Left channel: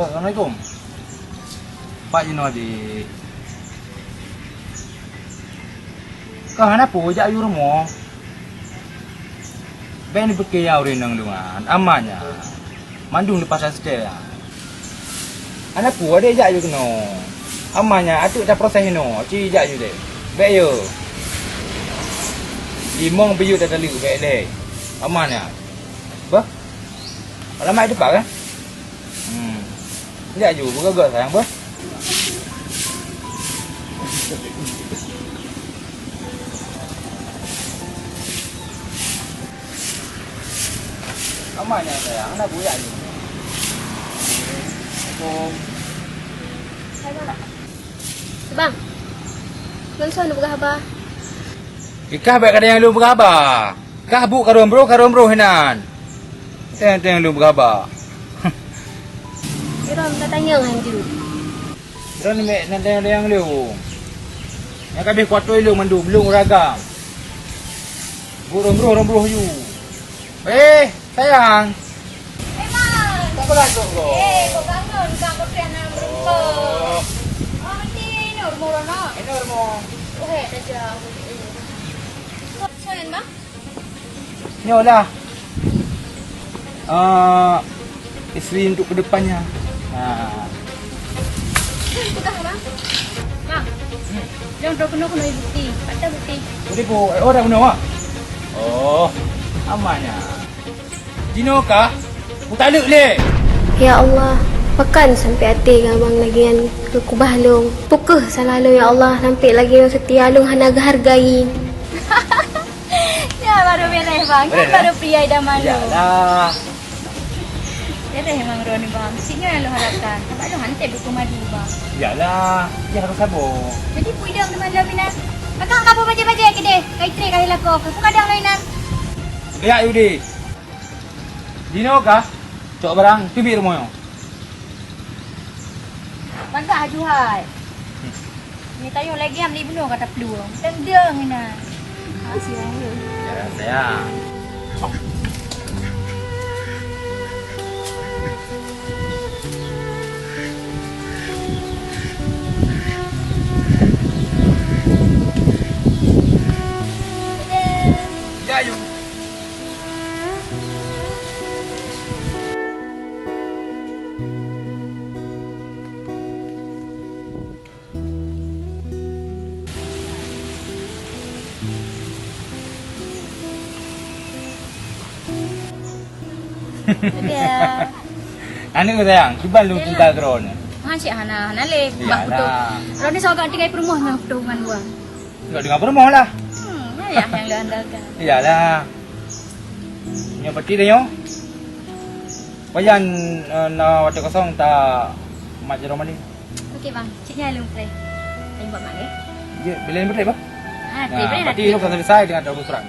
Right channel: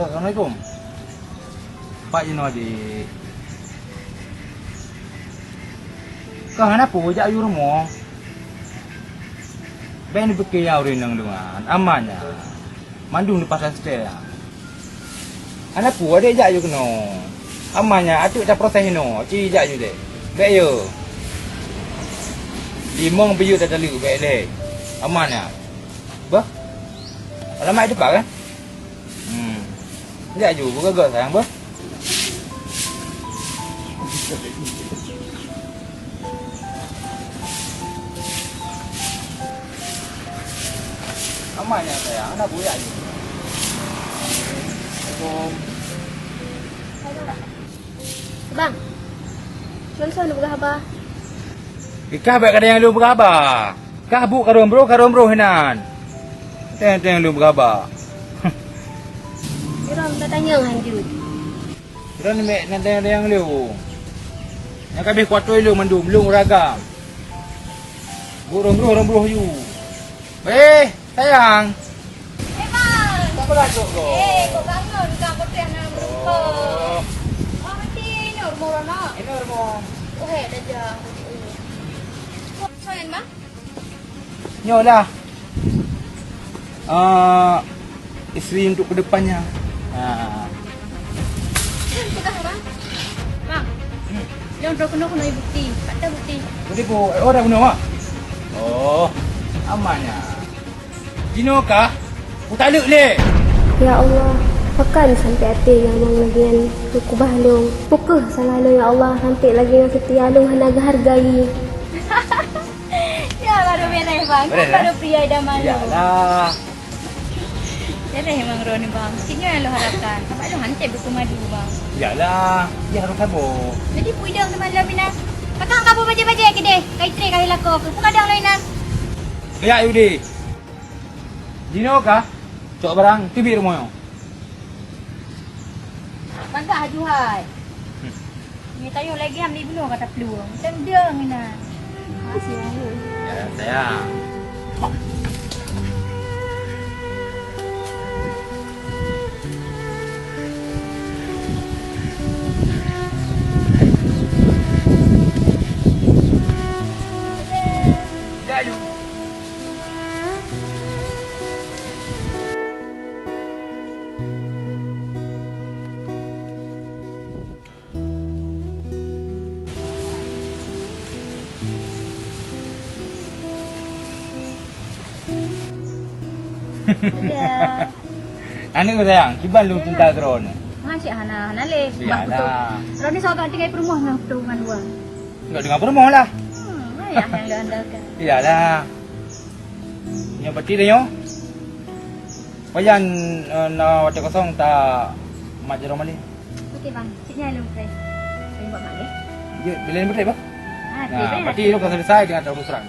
Assalamualaikum. Pak Jinodi. Kau kenapa jak ayu rumah? Ben bekay ya urin nang lungan. Amanya. Mandung di pasar setia. Anak pu ada jak ayu keno. Amanya atuk dah proses no. Ci jak ayu deh. Baik yo. Limong biyu dah tali baik leh. Amanya. Bah. Alamak itu pak kan? Jak ayu bergagak sayang bah. Amanya sayang, nak buat ayu. Assalamualaikum. Bang. Mana nak berkhabar? Ikah baik kada yang lu berkhabar. Kah bu karom bro hinan. Teng lu berkhabar. Iram tak tanya lanjut. Kira ni mek nanti ada yang lu. Yang kabeh kuatoi lu mandum lu ragam. Bu rombro you. Sayang. Bang. Apa lagi kau? Kau bangun kau berpian nak berumpa. Oh, mesti ini rumah nak. Ini rumah. Oh, dah jah. Soalan bang? Nyolah. Isteri untuk kedepannya. Pegang bang. Bang. Jangan kena bukti. Ada bukti. Bukti po. Dah guna mak. Amannya. Jino kah? Putaluk le. Ya Allah, pekan sampai hati gamang lagi yang kekubah long. Pukul salah long ya Allah, nampak lagi yang setia long hanaga hargai. Ya baru beres bang, baru pria idaman lo. Yalah. Beres emang Roni bang, sini yang lo harapkan. Sampai lo hantar buku madu bang. Yalah, dia harus sabar. Jadi puidang teman lo bina. Pakang kamu baca-baca ke deh, kait tre kali lako. Pun kadang lainan. Ya Yudi. Jino kah? Cok barang tibir rumah yo. Bangga hajuhai. Ni tayo lagi am li bunuh kata peluang. Tendang ina. Kasih aku. Ya sayang. Ya yuk. Dia. Anu ko sayang, kiban lu cinta kron. Masih hana le bak betul. Yalah. Roni sogat tinggal perumah dengan perungan gua. Enggak dengar permoh lah. Ya yang lo andalkan. Iyalah. Yang peti dah yo. Payan na waktu kosong tak mak jero mali. Okey bang, ciknya lu try. Saya buat mak ya. Dia bila ni betul ba? Ha, Nah, boleh peti lu kan selesai dengan urusan.